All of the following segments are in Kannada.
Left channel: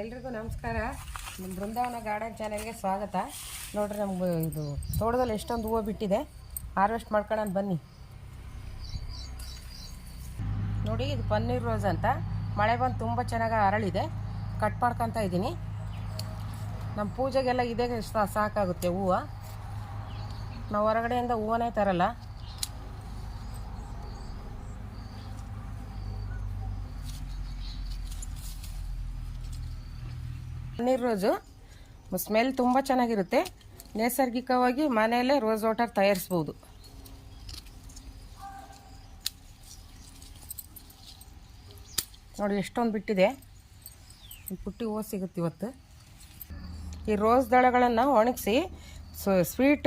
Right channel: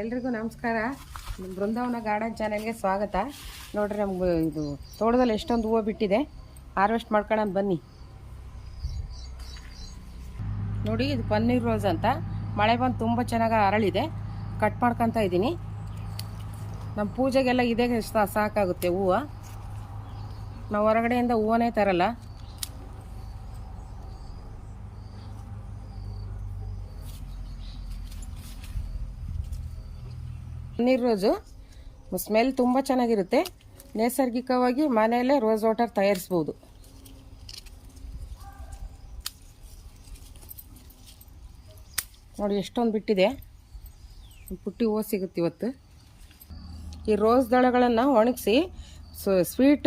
ಎಲ್ರಿಗೂ ನಮಸ್ಕಾರ. ನಮ್ಮ ಬೃಂದಾವನ ಗಾರ್ಡನ್ ಚಾನೆಲ್ಗೆ ಸ್ವಾಗತ. ನೋಡ್ರಿ, ನಮ್ಗೆ ಇದು ತೋಟದಲ್ಲಿ ಎಷ್ಟೊಂದು ಹೂವು ಬಿಟ್ಟಿದೆ, ಹಾರ್ವೆಸ್ಟ್ ಮಾಡ್ಕೊಳ್ಳೋಣ ಬನ್ನಿ. ನೋಡಿ, ಇದು ಪನ್ನೀರ್ ರೋಸ್ ಅಂತ ಮಳೆ ಬಂದು ತುಂಬ ಚೆನ್ನಾಗಿ ಅರಳಿದೆ. ಕಟ್ ಮಾಡ್ಕೊತ ಇದ್ದೀನಿ. ನಮ್ಮ ಪೂಜೆಗೆಲ್ಲ ಇದೇ ಸಾಕಾಗುತ್ತೆ ಹೂವು. ನಾವು ಹೊರಗಡೆಯಿಂದ ಹೂವನೇ ತರಲ್ಲ. ಪನ್ನೀರ್ ರೋಸು ಸ್ಮೆಲ್ ತುಂಬ ಚೆನ್ನಾಗಿರುತ್ತೆ. ನೈಸರ್ಗಿಕವಾಗಿ ಮನೆಯಲ್ಲೇ ರೋಸ್ ವಾಟರ್ ತಯಾರಿಸ್ಬೋದು. ನೋಡಿ ಎಷ್ಟೊಂದು ಬಿಟ್ಟಿದೆ. ಪುಟ್ಟಿ ಹೂವು ಸಿಗುತ್ತೆ ಇವತ್ತು. ಈ ರೋಸ್ ದಳಗಳನ್ನು ಒಣಗಿಸಿ ಸ್ವೀಟ್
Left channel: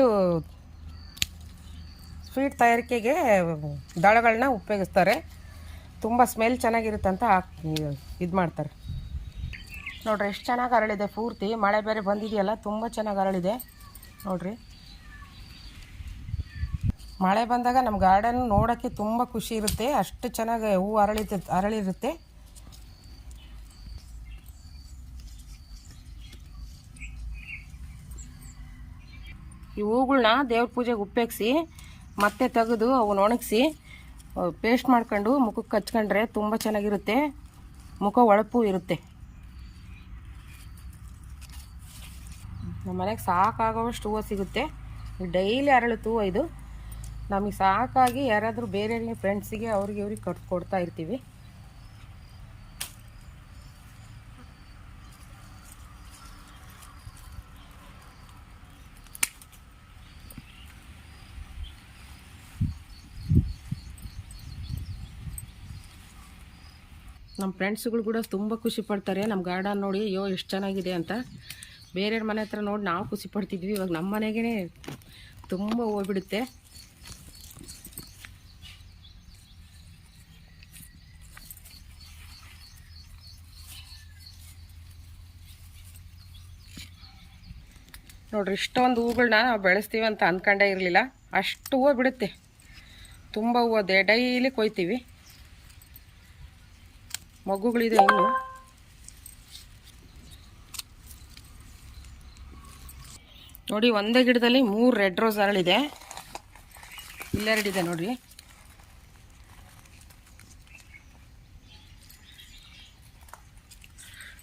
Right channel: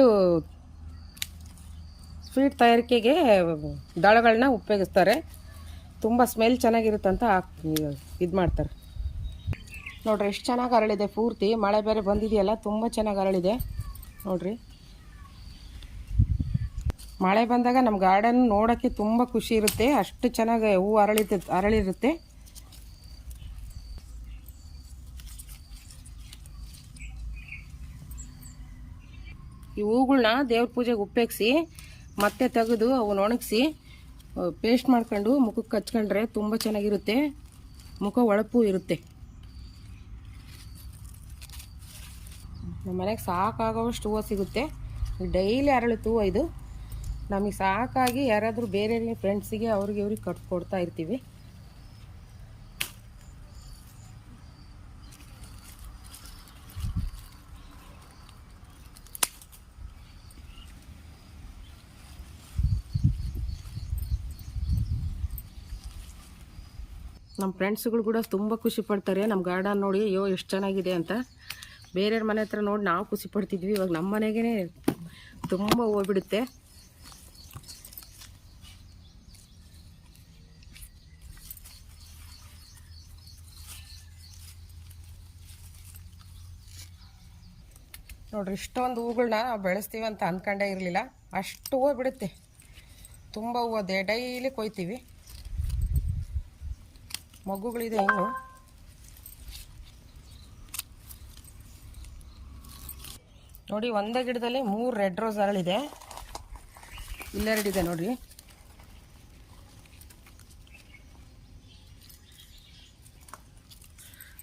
ತಯಾರಿಕೆಗೆ ದಳಗಳನ್ನ ಉಪಯೋಗಿಸ್ತಾರೆ. ತುಂಬ ಸ್ಮೆಲ್ ಚೆನ್ನಾಗಿರುತ್ತಂತ ಇದು ಮಾಡ್ತಾರೆ. ನೋಡ್ರಿ ಎಷ್ಟು ಚೆನ್ನಾಗಿ ಅರಳಿದೆ. ಪೂರ್ತಿ ಮಳೆ ಬೇರೆ ಬಂದಿದೆಯಲ್ಲ, ತುಂಬ ಚೆನ್ನಾಗಿ ಅರಳಿದೆ. ನೋಡ್ರಿ, ಮಳೆ ಬಂದಾಗ ನಮ್ಮ ಗಾರ್ಡನ್ ನೋಡೋಕ್ಕೆ ತುಂಬ ಖುಷಿ ಇರುತ್ತೆ. ಅಷ್ಟು ಚೆನ್ನಾಗಿ ಹೂವು ಅರಳಿರುತ್ತೆ. ಈ ಹೂಗಳನ್ನ ದೇವ್ರ ಪೂಜೆಗೆ ಉಪಯೋಗಿಸಿ ಮತ್ತೆ ತೆಗೆದು ಅವನ್ನ ಒಣಗಿಸಿ ಪೇಸ್ಟ್ ಮಾಡ್ಕೊಂಡು ಮುಖಕ್ಕೆ ಹಚ್ಕೊಂಡ್ರೆ ತುಂಬ ಚೆನ್ನಾಗಿರುತ್ತೆ. ಮುಖ ಹೊಳಪು ಇರುತ್ತೆ. ನಮ್ಮ ಮನೆಗೆ ಸಾಕಾಗೋವಷ್ಟು ಹೂವು ಸಿಗುತ್ತೆ. ಡೈಲಿ ಅರಳುತ್ತೆ ಹೂವು ಇದು. ನಮಗೆ ಸಾಕಾಗಿ ಯಾರಾದರೂ ಬೇರೆ ಫ್ರೆಂಡ್ಸಿಗೆ ಅವ್ರಿಗೆ ಕೊಡ್ತಾ ಇರ್ತೀವಿ. ನಮ್ಮ ಫ್ರೆಂಡ್ಸ್ಗಳು ಕೂಡ ತುಂಬ ಖುಷಿ ಪಡ್ತಾರೆ ನಮ್ಮ ಗಾರ್ಡನ್ ನೋಡಿ. ಅಯ್ಯೋ ಎಷ್ಟು ಚೆನ್ನಾಗಿದೆ ಅಂತ. ಬೇರೆಯವ್ರ ಮನೆ ಹತ್ರ ನೋಡಿ ನಾವು ಖುಷಿ ಪಡ್ತಿದ್ವಿ. ಇವಾಗ ನಮ್ಮ ಮನೆಗೇ ತುಂಬ ಹೂವು ಬಿಡುತ್ತೆ. ನೋಡ್ರಿ, ಇಷ್ಟೊಂದು ಹೂಗಳನ್ನ ನಾವು ಬೆಳೆಸ್ತೀವಿ ಅಂತ ಅಂದ್ಕೊಂಡೇ ಇರಲಿಲ್ಲ. ಅಷ್ಟು ಹೂವು ಬಿಡುತ್ತೆ. ತುಂಬ ಹೂವು ಡೈಲಿ ಕೊಯ್ತೀವಿ. ಮಗುಗಳಿದೆ ಇನ್ನು. ನೋಡಿ, ಒಂದೇ ಗಿಡದಲ್ಲಿ 3 ರೆಡ್ ರೋಸ್ ಅರಳಿದೆ. ಇಲ್ಲೆರಡಿದೆ ನೋಡ್ರಿ.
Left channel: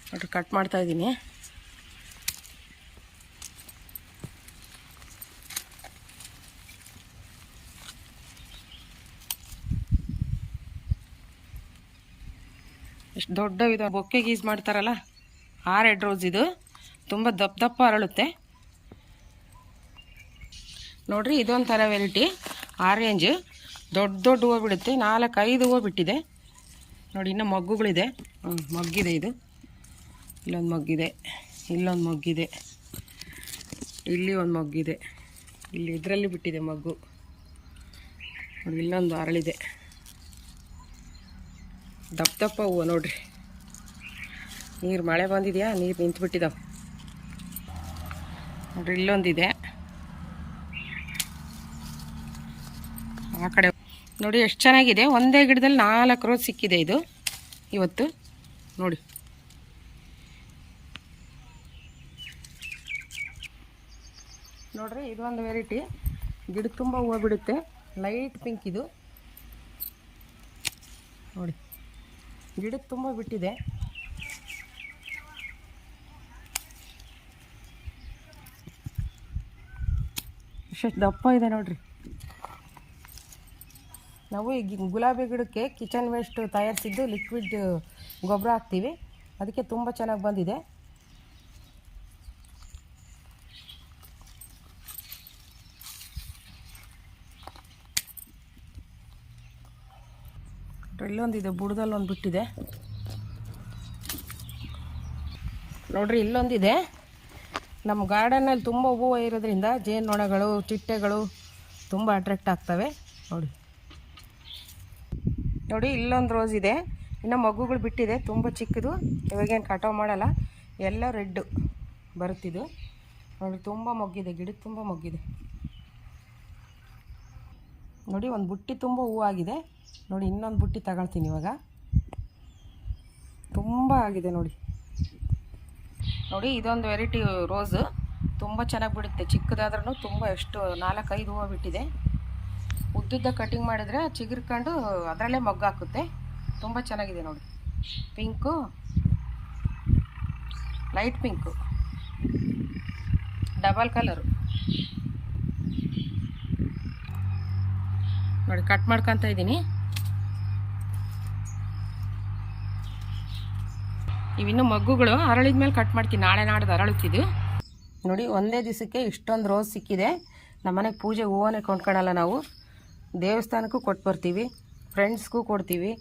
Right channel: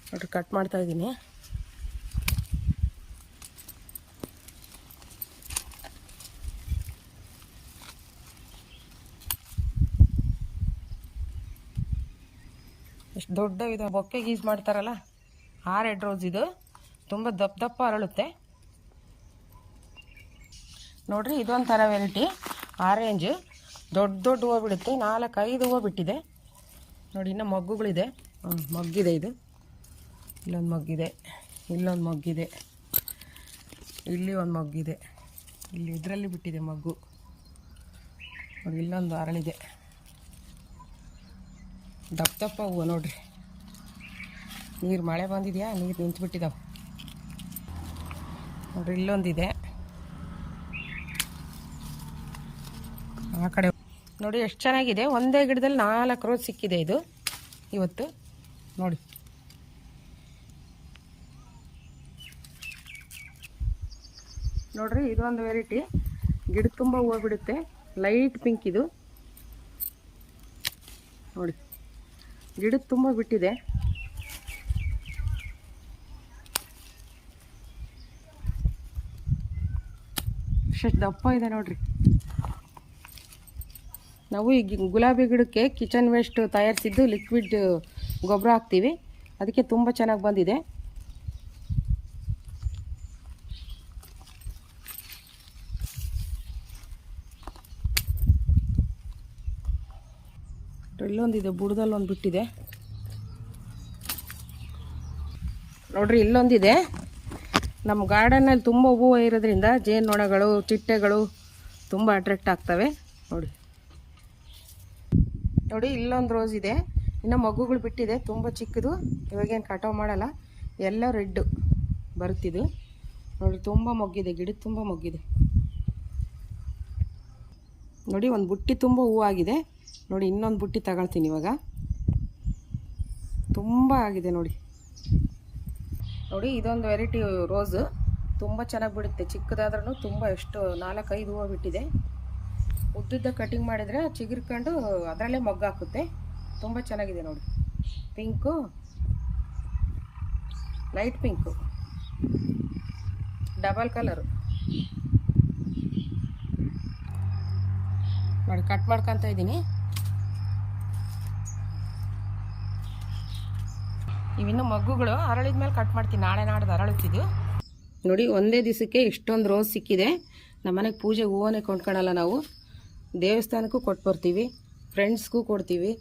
ನೋಡ್ರಿ, ಕಟ್ ಮಾಡ್ತಾ ಇದ್ದೀನಿ. ಎಷ್ಟು ದೊಡ್ಡ ಇದು ಬೊಕ್ಕೆಗೆ ಯೂಸ್ ಮಾಡ್ತಾರಲ್ಲ, ಆ ರೆಡ್ ರೋಸ್ ಇದು. ತುಂಬ ದಪ್ಪ ಅರಳುತ್ತೆ. ನೋಡ್ರಿ, ಇದೊಂಥರ ವೆರೈಟಿ ಆರೆಂಜ್. ದೊಡ್ಡ ಹೂವು ಬಿಡುತ್ತೆ. 4-5 ಹೂವು ಬಿಟ್ಟಿದೆ. ನೋಡಿ, ಇನ್ನೂ ಮಗ್ಗುಗಳಿದೆ. ಮಗ್ಗಿದೆ ಇದು. ಇಲ್ಲೊಂದು ಮಗ್ಗಿದೆ, ಇಲ್ಲೊಂದು ಮಗ್ಗಿದೆ, ಇಲ್ಲಿ ಒಂದು ಮಗ್ಗಿದೆ. ಇಲ್ಲಿ ಇದರಲ್ಲಿ ಬಿಟ್ಟಿದೆ ಮಗ್ಗು. ನೋಡಿ, ಇಲ್ಲೊಂದು ಅರಳಿದೆ. ದಪ್ಪ ಹೂವು ನೋಡ್ರಿ. ನೀರು ಮಳೆ ಬಂದಿದೆಯಾ, ನೀರು ನಿಂತುಬಿಟ್ಟಿದ್ದಾವೆ. ನೋಡ್ರಿ, ಇಲ್ಲೊಂದಿದೆ. ಆ ಕಡೆ ನೋಡಿ ಎಷ್ಟು ಚೆನ್ನಾಗಿದೆ. ಒಂದೇ ಗಿಡದಲ್ಲಿ 4 ರೋಸ್ ಸಿಕ್ಕಿದೆ ಇದು ಇವತ್ತು. ನೋಡಿ, ನೋಡ್ರಿ, ಇದೊಂದು ವೆರೈಟಿ. ಗಿಡ ತುಂಬ ಹೂವು ಬಿಡುತ್ತೆ. ಲೈಟ್ ಪಿಂಕ್ ಇದು. ನೋಡಿ, ಗಿಡ ತುಂಬ ಬಿಟ್ಟಿದೆ. ಎಷ್ಟು ದಪ್ಪ ಇದೆ ನೋಡ್ರಿ. ನಾವು ಈ ಗುಲಾಬಿ ಗಿಡಕ್ಕೆ ಕಿಚನ್ ವೇಸ್ಟ್ ತಯಾರಿಸಿದ್ದು ಲಿಕ್ವಿಡ್ ಗೊಬ್ಬರ ಹಾಕ್ತೀವಿ. ಅದಕ್ಕೆ ತುಂಬ ಚೆನ್ನಾಗಿ ಬಂದಿದೆ. ಇಲ್ಲೊಂದಿದೆ, ಬುಡದಲ್ಲಿ ಒಂದು ಬಿಟ್ಟಿದೆ. ನೋಡ್ರಿ, ಇಲ್ಲೊಂದಿದೆ. ನಮ್ಮ ಗಾರ್ಡನ್ನಲ್ಲಿ ತುಂಬ ಹೂವು ಇರೋದ್ರಿಂದ ಜೇನುನೊಣಗಳು, ಚಿಟ್ಟೆಗಳು ತುಂಬ ಅಟ್ರಾಕ್ಟ್ ಆಗ್ತವೆ. ನೋಡಿ, ಇಲ್ಲೊಂದು ರೋಸ್ ಇದೆ. ಇನ್ನು ಮಗುಗಳು ಬಿಟ್ಟಿದೆ. ತುಂಬ ಚಿಕ್ಕದು. ಇವಾಗೇನು ಕಟಾವು ಮಾಡಲ್ಲ. ಎಲ್ಲ ರೆಡ್ ಬರುತ್ತಿದ್ದು. ನೋಡಿ, ತುಂಬ ಮೊಗ್ಗಿದೆ. ಗಿಡ ತುಂಬ ಮೊಗ್ಗಿದೆ. ನೋಡಿ, ಒಂದು ಬುಟ್ಟಿ ತುಂಬ ಹೂವಾಗಿದೆ. ನೋಡಿ, ಇನ್ನೊಂದು ಬುಟ್ಟಿ ತಗೊಳ್ತೀನಿ ಇವಾಗ. ತುಂಬ ಆಗಿದೆ ನೋಡಿ. ನೋಡಿ ಇದೊಂದು ವೆರೈಟಿ ರೋಸು ತುಂಬ ಚೆನ್ನಾಗಿ ಬಿಡುತ್ತೆ. ಚಿಕ್ಕದಾದ್ರೂ ತುಂಬ ಎಷ್ಟು 4-5 ಹೂವು ಬಿಟ್ಟಿದೆ. ಉದ್ದುದ್ದ ಕಟಿಂಗ್ ಮಾಡಿದರೆ ಚಿಗುರ್ಕೊಂಡು ಅದರಲ್ಲೇ ಮೊಗ್ಗು ಹಾಕುತ್ತೆ. ತುಂಬ ಚೆನ್ನಾಗಿದೆ ನೋಡಿ. Pink, light pink, double colour ನೋಡಿ. ಕಟ್ ಮಾಡ್ಕೊತ ಇದ್ದೀನಿ. ಇವಿನ್ನು ಮಗ್ಗುಗಳು ಅರಳಿದ ಮೇಲೆ ಕಟ್ ಮಾಡ್ತೀನಿ. ನಾಳೆ ನಾಡ್ದು ಅರಳುತ್ತಿದ್ದು ನೋಡಿ. ಒಂದೇ ದಿವಸಕ್ಕೆ ಇಷ್ಟೊಂದು ರೋಸ್ ಸಿಕ್ಕಿದೆ. ನಮ್ಮನೆಗೆ ಪೂಜೆ ಹೂವನ್ನೇ ಕೊಂಡ್ಕೊಳ್ಳಲ್ಲ ನಾವು, ದೇವಸ್ಥಾನಕ್ಕೂ ಕೊಟ್ಟು ಬರ್ತೀವಿ, ಫ್ರೆಂಡ್ಸ್ಗೂ ಕೊಡ್ತೀವಿ.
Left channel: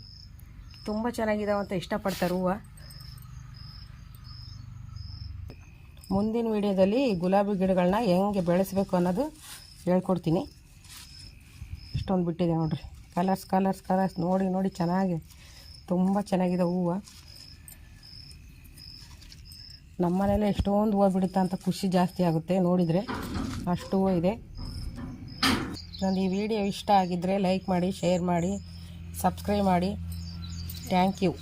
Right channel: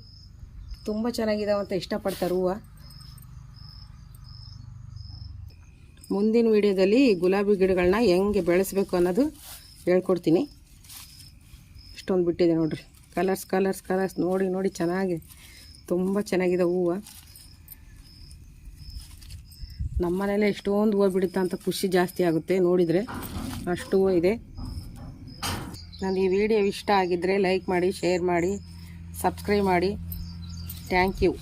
ತುಂಬ ಚೆನ್ನಾಗಿದಾವೆ ಅಂತ ಇಷ್ಟಪಡ್ತಾರೆ ಹೂವು. ಮುಂದಿನ ವಿಡಿಯೋದಲ್ಲಿ ಗುಲಾಬಿ ಗಿಡಗಳನ್ನ ಹೆಂಗೆ ಬೆಳೆಸಬೇಕು ಅನ್ನೋದು ಹೇಳ್ಕೊಡ್ತೀನಿ. ಇಷ್ಟೊಂದು ಬಿಟ್ಟಿದೆ ನೋಡಿರಿ. ಕಲರ್ಸ್ ನೋಡಿ ನೋಡಿ ಚೆನ್ನಾಗಿ, ತುಂಬ ಚೆನ್ನಾಗಿದೆ ಹೂವು. ನಮ್ಮ ಮನೇಲೆ ಎಷ್ಟೊಂದು ಹೂವು ಬಿಡುತ್ತಾ ಅಂತ ಖುಷಿ ಜಾಸ್ತಿ ಆಗುತ್ತೆ ನೋಡಿದರೆ. ಅಷ್ಟು ಹೂವು ಇದೆ. ನನಗೆ ಈ ವಿಡಿಯೋ ಇಷ್ಟ ಆಗಿದ್ದರೆ ಲೈಕ್ ಮಾಡಿ, ಶೇರ್ ಮಾಡಿ, ಸಬ್ಸ್ಕ್ರೈಬ್ ಮಾಡಿ. Thank you.